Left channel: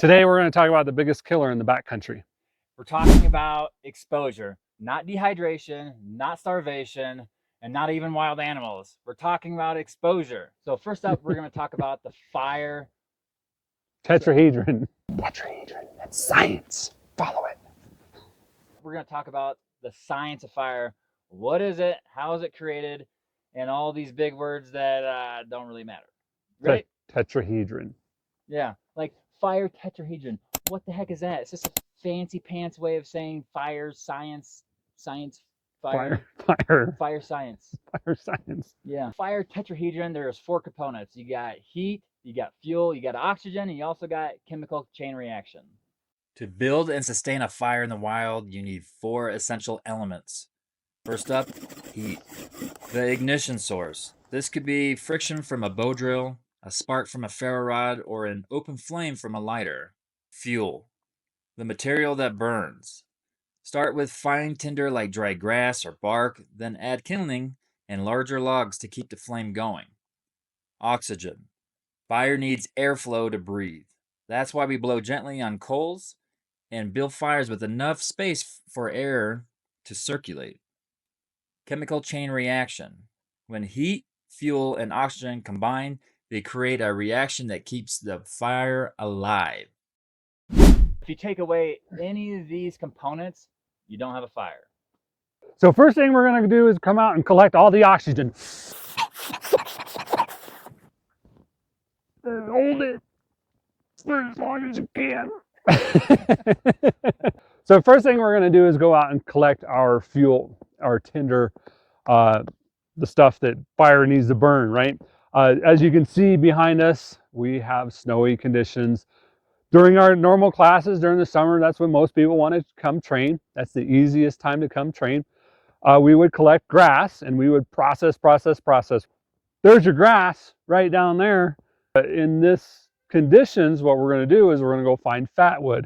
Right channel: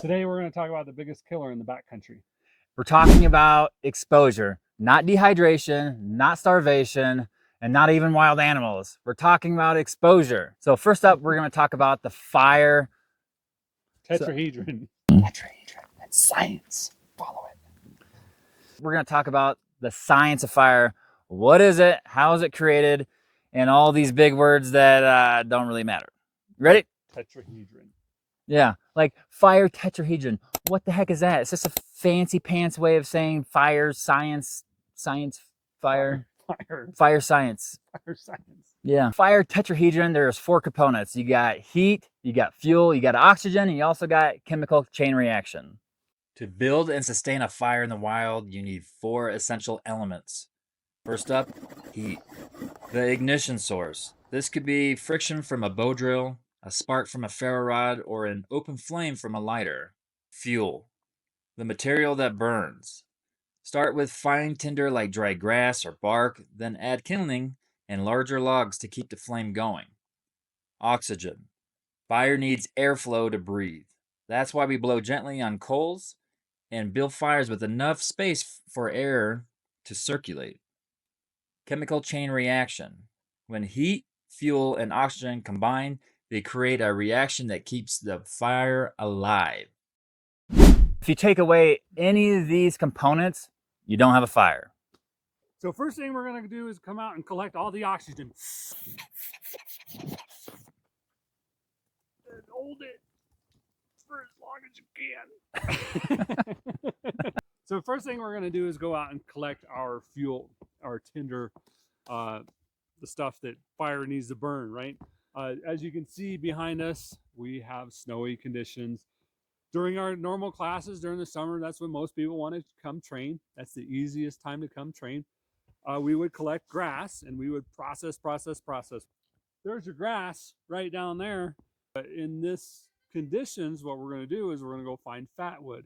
Today we're going to talk about the biggest killer in the backcountry. We're talking about exposure, not dehydration, not starvation, and not even wild animals. We're talking about exposure. So first up, we're going to talk about the fire. Tetrahedron. Tetrahedron. That's science. Follow it. We're going to talk about the science of fire. What is it? How is it created? And all these big words that don't really matter. Ready? Tetrahedron. Yeah, like fire tetrahedron. What the heck is that? It's just a fancy pants way of saying fire, science, fire science. Fire science. Yeah. Fire tetrahedron, there's 4 components. You got heat, you got fuel, you got oxygen, and you also got chemical chain reaction. To build and sustain a fire in the wild, you need 4 essential elements. First up, heat. The ignition source. This could be friction from a bow drill, a spark from a ferro rod, or an open flame from a lighter. Fuel. The material that burns. Start with fine tinder like dry grass or bark, then add kindling and larger logs to keep the flame going. Oxygen. Fire needs airflow to breathe. That's why we blow gently on coals and build fires with enough space for air to circulate. Chemical chain reaction. When heat, fuel, and oxygen combine, they create a reaction that keeps the fire alive. If you take away any of these components, you don't have a fire. So first thing we're going to do is come out and collect all the oxygen. And hold it for as long as you can. So first thing we're going to do is go out and collect our fuel, our tinder, the stuff that fire needs to burn, right? As you can see behind us, we have snowy conditions. During our normal classes during the summer, that's when most people want to come train. That's the easiest time to come train. We would collect grass and we would process. There's your grass right down there. In this conditions, what we're going to do is we're going to go find fatwood.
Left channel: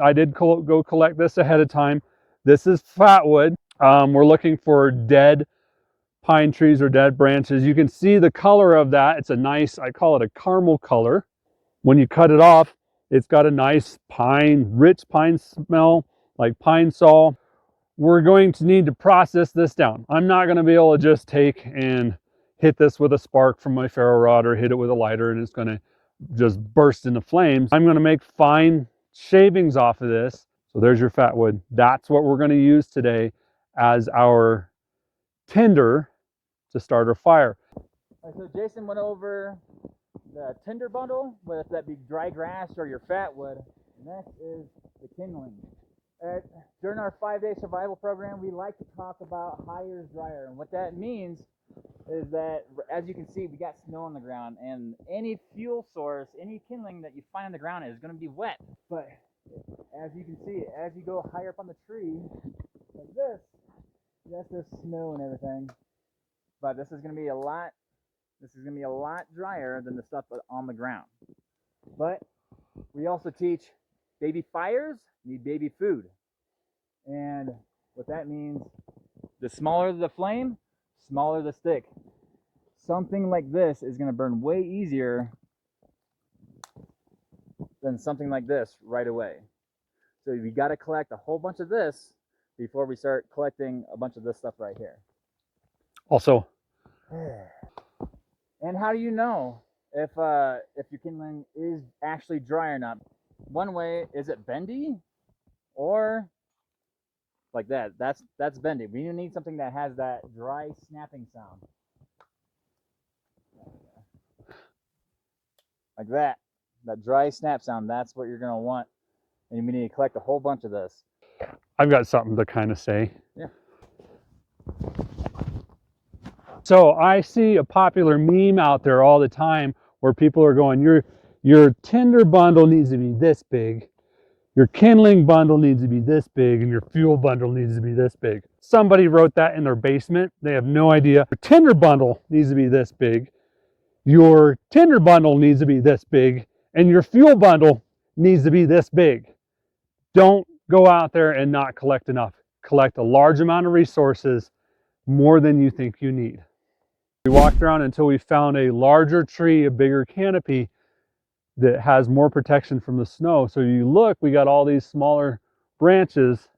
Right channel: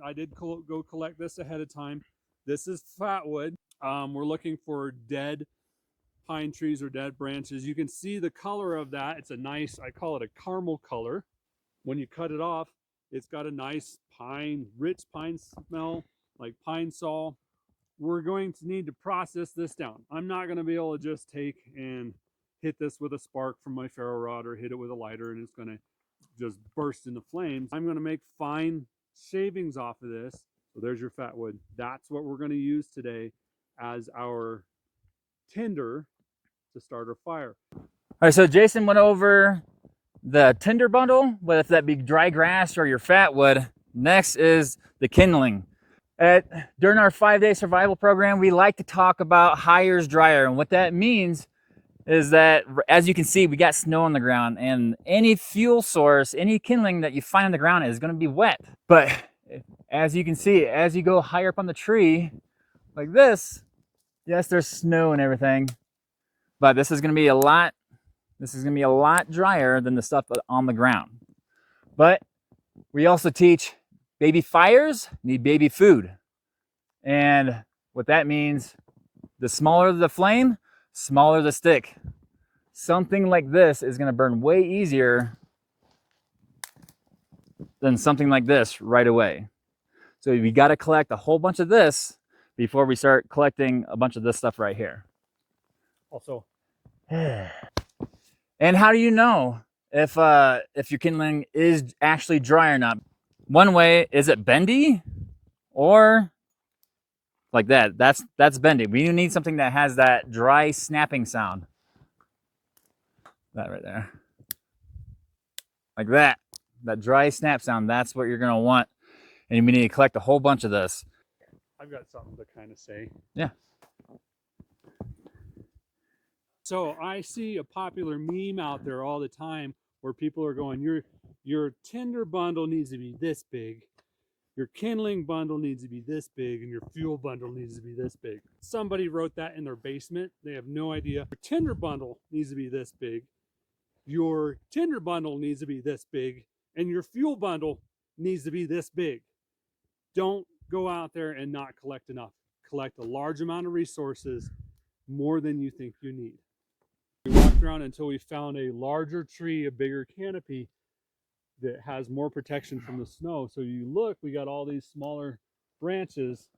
I did go collect this ahead of time. This is fatwood. We're looking for dead pine trees or dead branches. You can see the color of that. It's a nice, I call it a caramel color. When you cut it off, it's got a nice rich pine smell, like pine sol. We're going to need to process this down. I'm not going to be able to just take and hit this with a spark from my ferro rod or hit it with a lighter and it's going to just burst into flames. I'm going to make fine shavings off of this. So there's your fatwood. That's what we're going to use today as our tinder to start our fire. All right, so Jason went over the tinder bundle, whether that be dry grass or your fatwood. Next is the kindling. During our 5-day survival program, we like to talk about higher's drier. And what that means is that, as you can see, we got snow on the ground, and any fuel source, any kindling that you find on the ground is going to be wet. But as you can see, as you go higher up on the tree, like this, yes, there's snow and everything, but this is going to be a lot drier than the stuff on the ground. But we also teach baby fires need baby food. And what that means, the smaller the flame, smaller the stick. Something like this is going to burn way easier than something like this right away. So we got to collect a whole bunch of this before we start collecting a bunch of this stuff right here. Also, and how do you know if your kindling is actually dry or not? One way, is it bendy or like that? That's bendy. We need something that has that dry snapping sound. That right there. Like that. That dry snap sound, that's what you're going to want. And we need to collect a whole bunch of this. I've got something to kind of say. Yeah. So I see a popular meme out there all the time where people are going, your tinder bundle needs to be this big, your kindling bundle needs to be this big, and your fuel bundle needs to be this big. Somebody wrote that in their basement. They have no idea. Your tinder bundle needs to be this big, your tinder bundle needs to be this big, and your fuel bundle needs to be this big. Don't go out there and not collect enough. Collect a large amount of resources, more than you think you need. We walked around until we found a larger tree, a bigger canopy that has more protection from the snow. So you look, we got all these smaller branches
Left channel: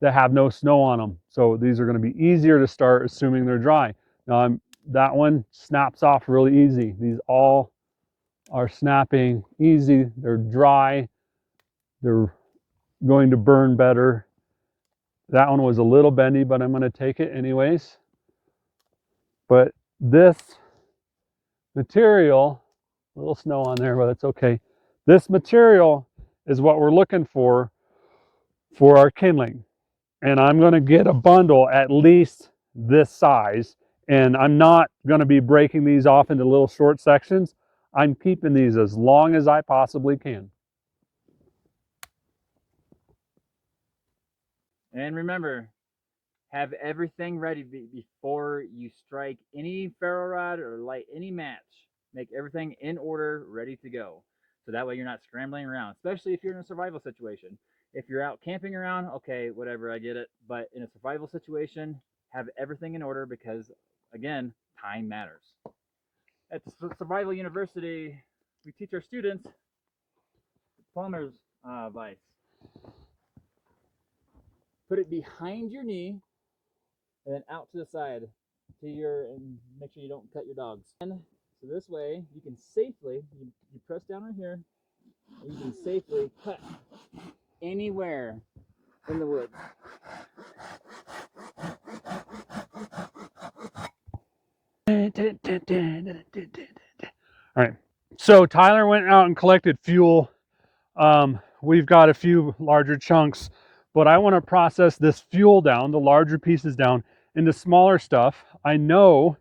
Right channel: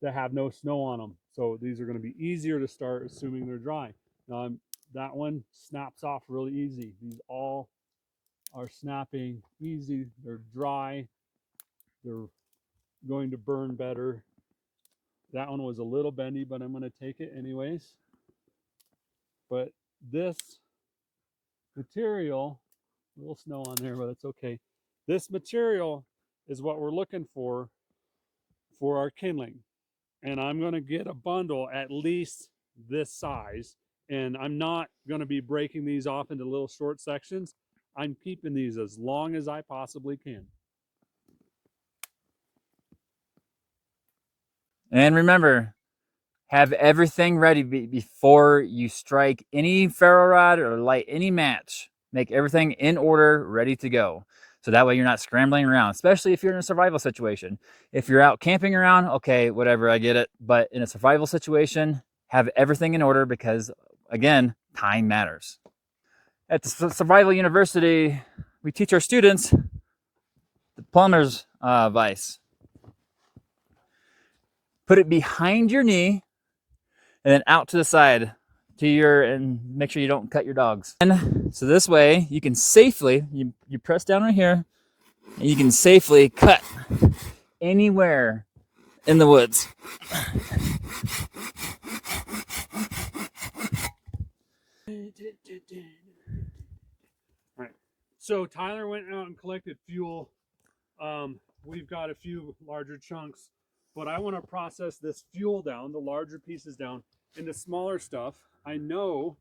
that have no snow on them. So these are going to be easier to start, assuming they're dry. Now that one snaps off really easy. These all are snapping easy. They're dry. They're going to burn better. That one was a little bendy, but I'm going to take it anyways. But this material, a little snow on there, but it's okay. This material is what we're looking for our kindling. And I'm going to get a bundle at least this size. And I'm not going to be breaking these off into little short sections. I'm keeping these as long as I possibly can. And remember, have everything ready before you strike any ferro rod or light any match. Make everything in order, ready to go. So that way you're not scrambling around, especially if you're in a survival situation. If you're out camping around, okay, whatever, I get it. But in a survival situation, have everything in order because, again, time matters. At the Survival University, we teach our students the plumber's vise. Put it behind your knee and then out to the side and make sure you don't cut your dogs. And so this way you can safely, you press down right here and you can safely cut anywhere in the woods. All right, so Tyler went out and collected fuel. We've got a few larger chunks, but I want to process this fuel down, the larger pieces down, into smaller stuff. I know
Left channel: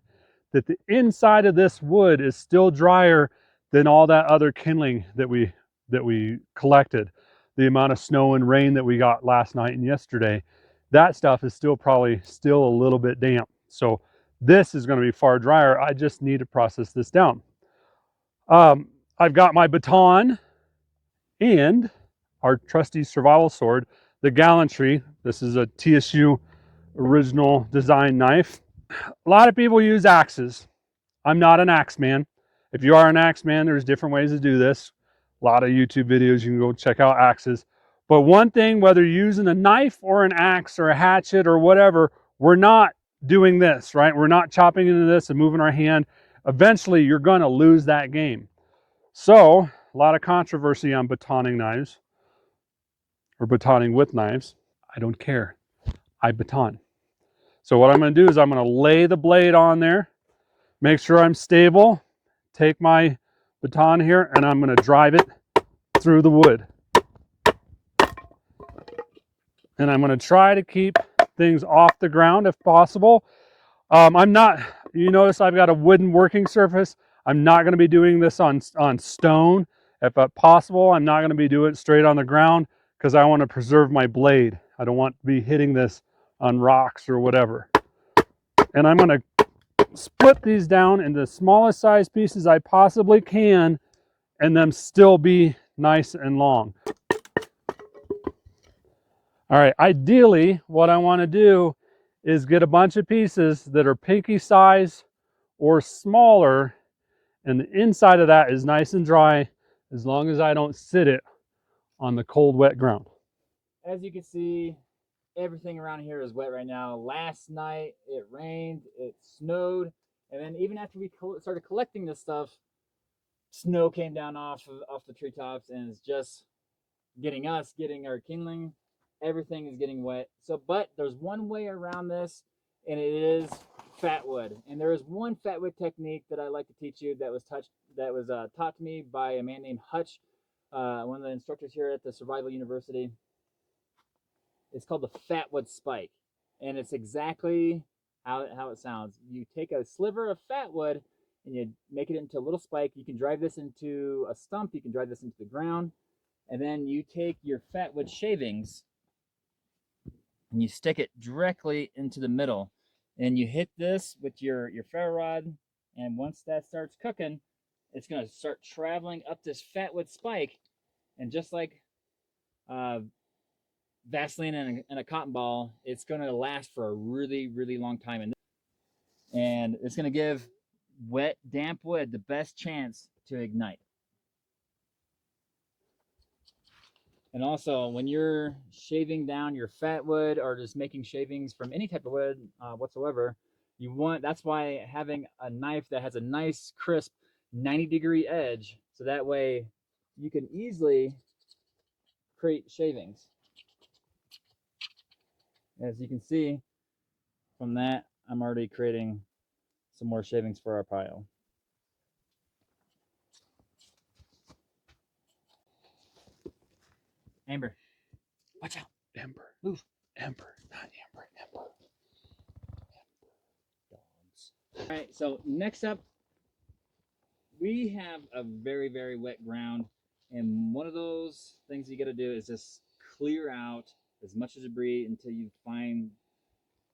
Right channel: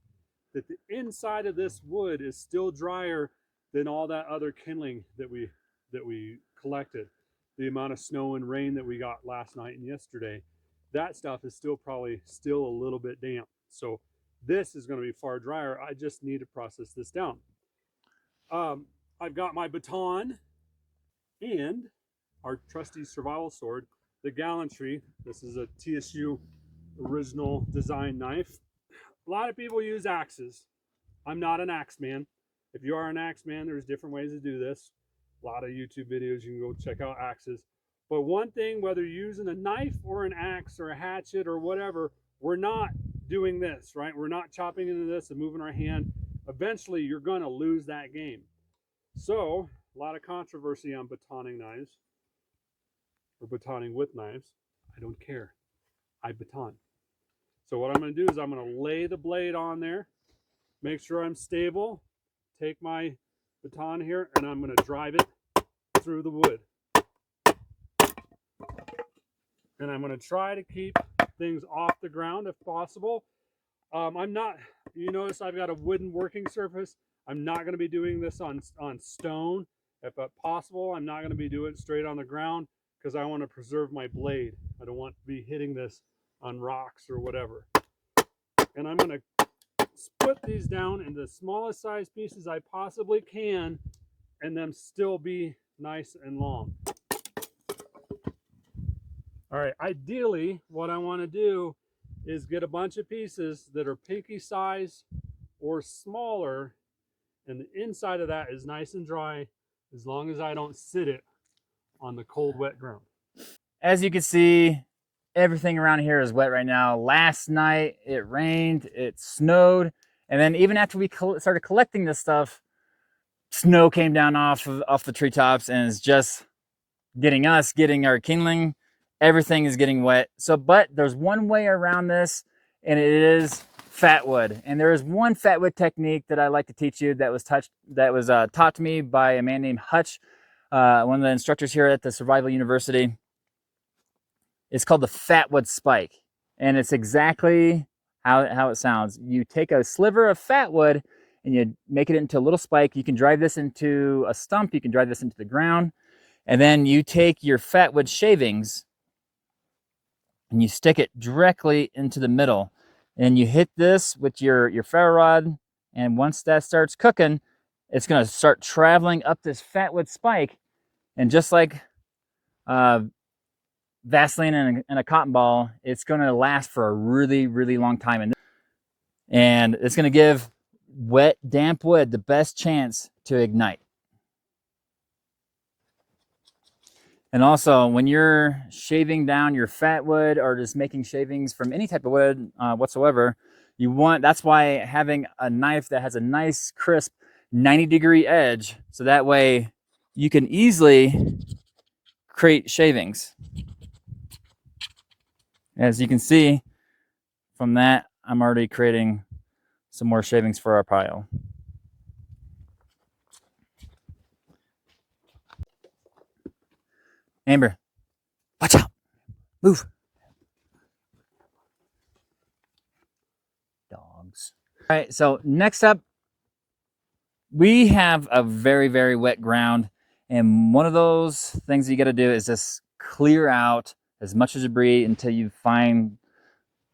that the inside of this wood is still drier than all that other kindling that we collected. The amount of snow and rain that we got last night and yesterday, that stuff is probably still a little bit damp. So this is going to be far drier. I just need to process this down. I've got my baton and our trusty survival sword, the Gallantry. This is a TSU original design knife. A lot of people use axes. I'm not an axe man. If you are an axe man, there's different ways to do this. A lot of YouTube videos, you can go check out axes. But one thing, whether you're using a knife or an axe or a hatchet or whatever, we're not doing this, right? We're not chopping into this and moving our hand. Eventually, you're going to lose that game. So, a lot of controversy on batoning knives or batoning with knives. I don't care. I baton. So what I'm going to do is I'm going to lay the blade on there, make sure I'm stable, take my baton here, and I'm going to drive it through the wood. And I'm going to try to keep things off the ground if possible. I'm not, you notice I've got a wooden working surface. I'm not going to be doing this on stone. If possible, I'm not going to be doing it straight on the ground because I want to preserve my blade. I don't want to be hitting this on rocks or whatever. And I'm going to split these down into the smallest size pieces I possibly can and them still be nice and long. All right, ideally what I want to do is get a bunch of pieces that are pinky size or smaller, and the inside of that is nice and dry as long as I don't sit it on the cold, wet ground. As you can see, everything around here is wet right now. Last night it rained, it snowed, and then even after we started collecting this stuff, snow came down off the treetops and it's just getting our kindling. Everything is getting wet. So, but there's one way around this, and it is fatwood. And there is one fatwood technique that I like to teach you that was taught to me by a man named Hutch, one of the instructors here at the Survival University. It's called the Fatwood Spike, and it's exactly how it sounds. You take a sliver of fatwood and you make it into a little spike. You can drive this into a stump. You can drive this into the ground. And then you take your fatwood shavings and you stick it directly into the middle. And you hit this with your ferro rod. And once that starts cooking, it's going to start traveling up this fatwood spike. And just like Vaseline and a cotton ball, it's going to last for a really, really long time. And it's going to give wet, damp wood the best chance to ignite. And also, when you're shaving down your fat wood or just making shavings from any type of wood whatsoever, that's why having a knife that has a nice crisp 90-degree edge, so that way you can easily create shavings. As you can see from that, I'm already creating some more shavings for our pile. Amber, watch out. Amber. Move. Amber, not Amber, Amber. Dogs. All right, so next up, we have a very, very wet ground. And one of those things you got to do is just clear out as much as debris until you find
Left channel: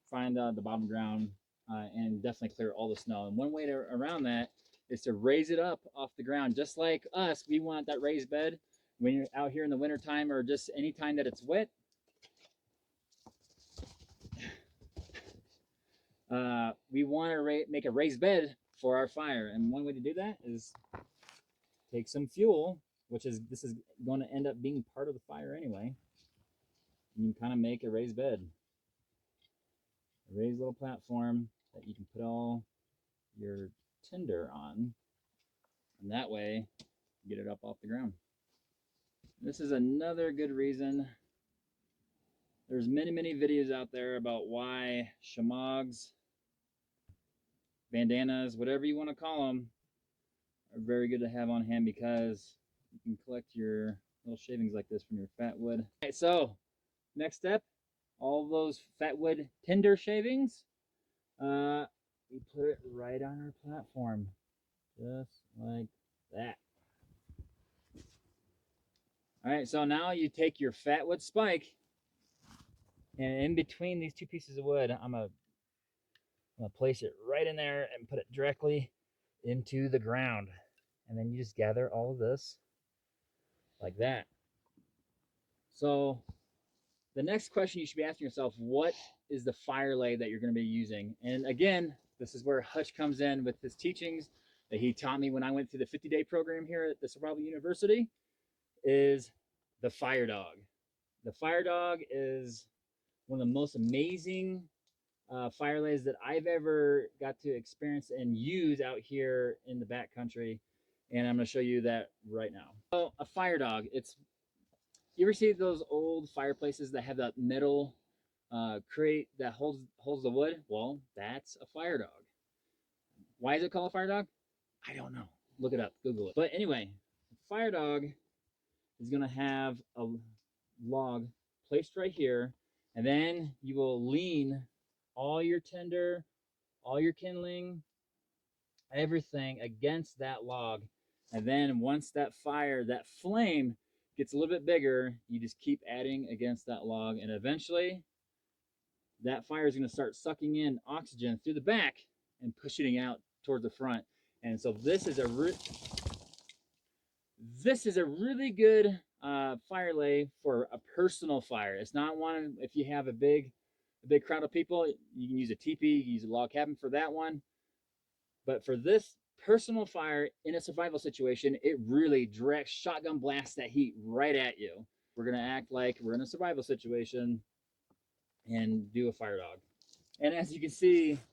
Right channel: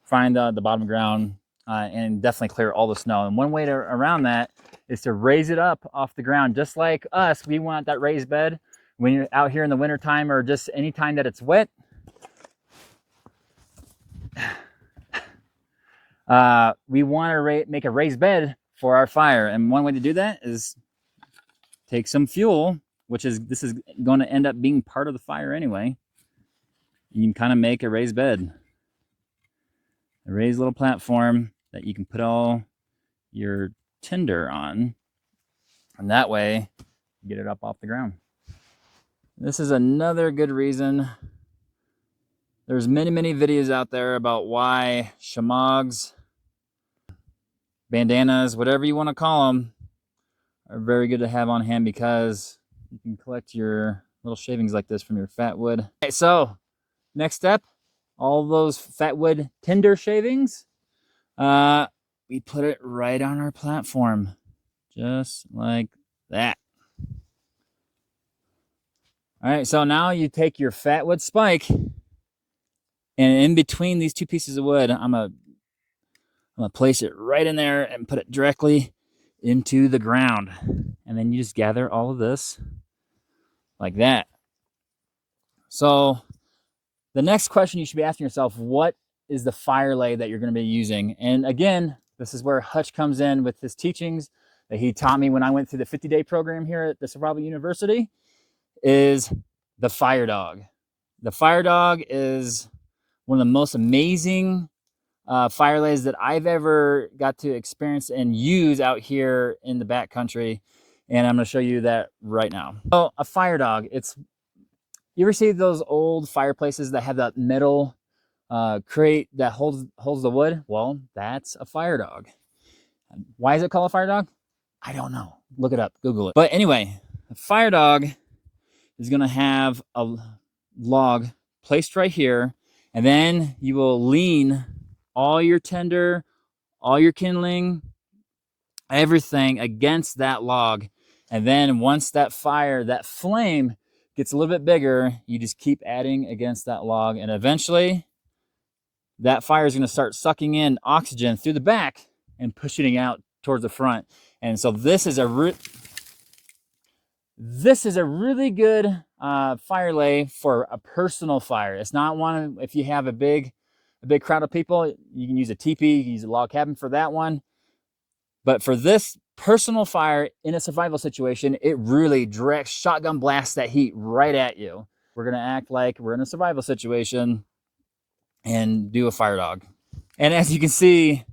the bottom of the ground, and definitely clear all the snow. And one way around that is to raise it up off the ground. Just like us, we want that raised bed when you're out here in the wintertime or just any time that it's wet. We want to make a raised bed for our fire. And one way to do that is take some fuel, this is going to end up being part of the fire anyway. You can kind of make a raised bed, a raised little platform that you can put all your tinder on, and that way you get it up off the ground. This is another good reason. There's many videos out there about why shamags, bandanas, whatever you want to call them, are very good to have on hand because you can collect your little shavings like this from your fat wood. Okay, so next step, all those fat wood tinder shavings, we put it right on our platform, just like that. All right, so now you take your Fatwood Spike, and in between these two pieces of wood, I'm gonna place it right in there and put it directly into the ground. And then you just gather all of this like that. So the next question you should be asking yourself, what is the fire lay that you're going to be using? And again, this is where Hutch comes in with his teachings that he taught me when I went through the 50-day program here at the Survival University, is the fire dog. The fire dog is one of the most amazing fire lays that I've ever got to experience and use out here in the backcountry. And I'm going to show you that right now. So a fire dog, you ever see those old fireplaces that have that metal crate that holds the wood? Well, that's a fire dog. Why is it called a fire dog? I don't know. Look it up, Google it. But anyway, a fire dog is going to have a log placed right here, and then you will lean all your tinder, all your kindling, everything against that log. And then once that flame gets a little bit bigger, you just keep adding against that log, and eventually that fire is going to start sucking in oxygen through the back and pushing it out towards the front. And so this is a really good fire lay for a personal fire. It's not one if you have a big crowd of people. You can use a teepee, you can use a log cabin for that one. But for this personal fire in a survival situation, it really directs shotgun blasts that heat right at you. We're gonna act like we're in a survival situation and do a fire dog. And as you can see,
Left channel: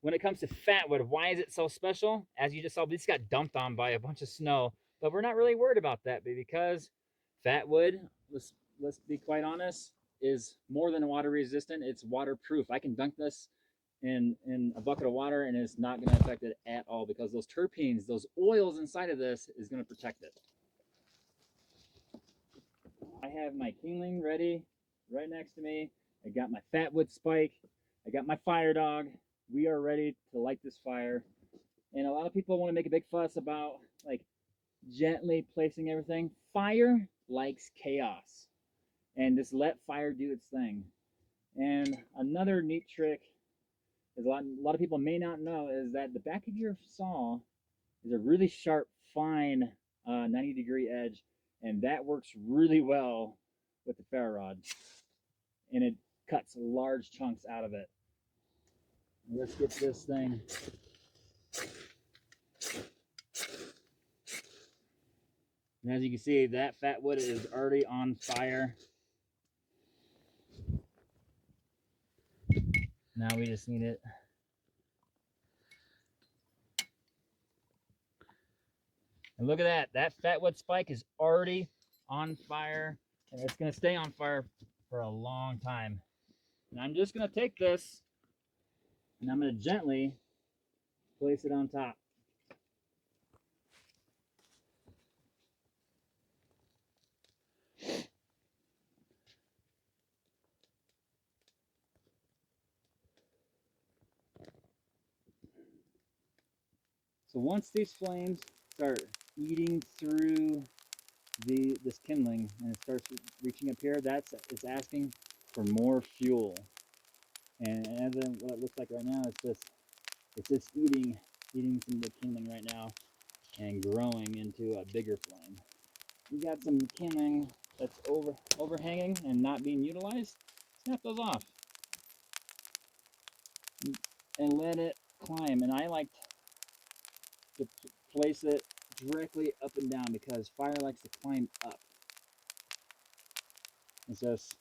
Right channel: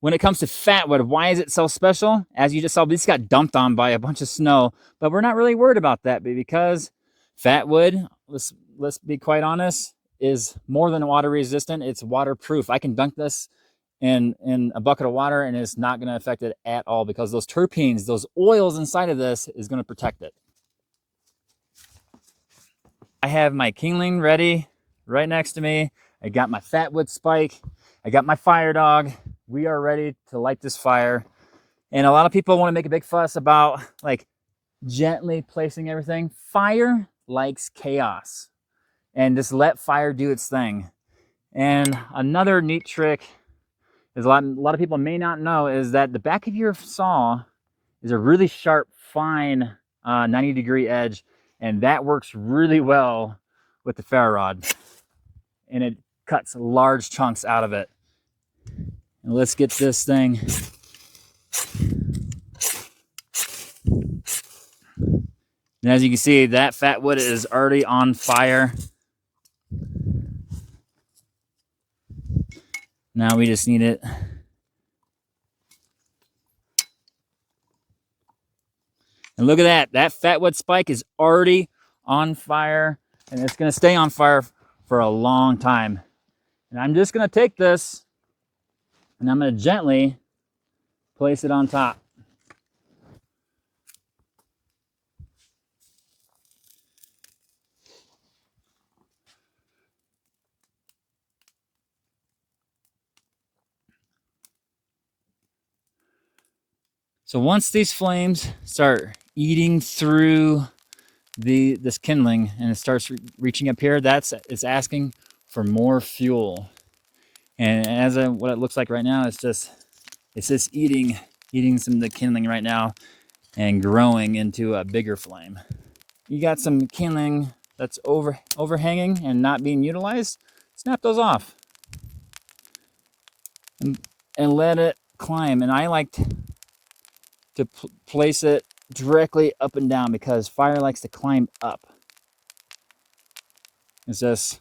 when it comes to Fatwood, why is it so special? As you just saw, this got dumped on by a bunch of snow, but we're not really worried about that because Fatwood, let's be quite honest, is more than water resistant. It's waterproof. I can dunk this in a bucket of water and it's not going to affect it at all because those terpenes, those oils inside of this is going to protect it. I have my Kindling ready right next to me. I got my Fatwood Spike. I got my fire dog. We are ready to light this fire. And a lot of people want to make a big fuss about like gently placing everything. Fire likes chaos, and just let fire do its thing. And another neat trick is a lot of people may not know is that the back of your saw is a really sharp, fine 90-degree edge, and that works really well with the ferro rod, and it cuts large chunks out of it. And let's get this thing And as you can see, that fat wood is already on fire. Now we just need it. And look at that. That Fatwood Spike is already on fire, and it's going to stay on fire for a long time. And I'm just going to take this and I'm going to gently place it on top. So once these flames start eating through this kindling and it starts reaching up here, it's asking for more fuel. And as what it looks like right now, it's just eating some of the kindling right now and growing into a bigger flame. You got some kindling that's overhanging and not being utilized, snap those off and let it climb. And I like to place it directly up and down because fire likes to climb up. It's just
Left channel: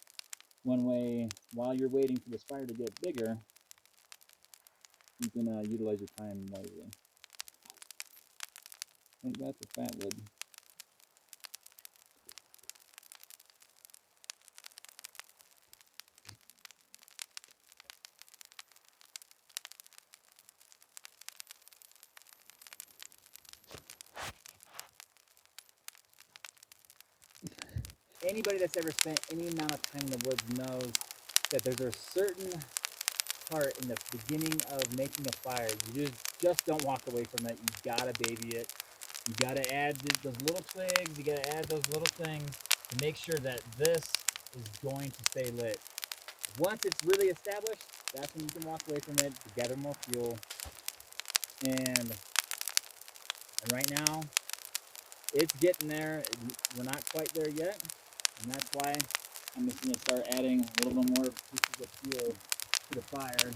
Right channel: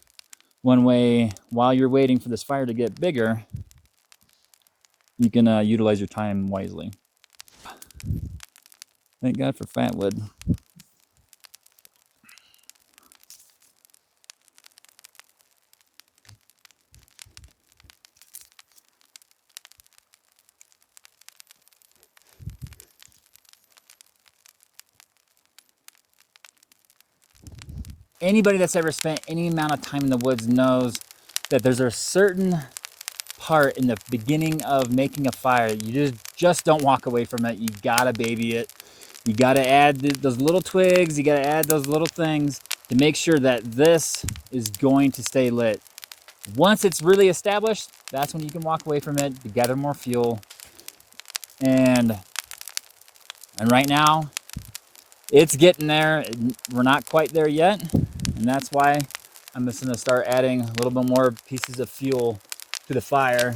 one way, while you're waiting for this fire to get bigger, you can utilize your time wisely. Thank God for Fatwood. Anybody that's ever spent any amount of time in the woods knows that there's a certain part in the beginning of making a fire. You just don't walk away from it. You gotta baby it. You gotta add those little twigs. You gotta add those little things to make sure that this is going to stay lit. Once it's really established, that's when you can walk away from it to gather more fuel. And right now, it's getting there. We're not quite there yet. And that's why I'm just gonna start adding a little bit more pieces of fuel to the fire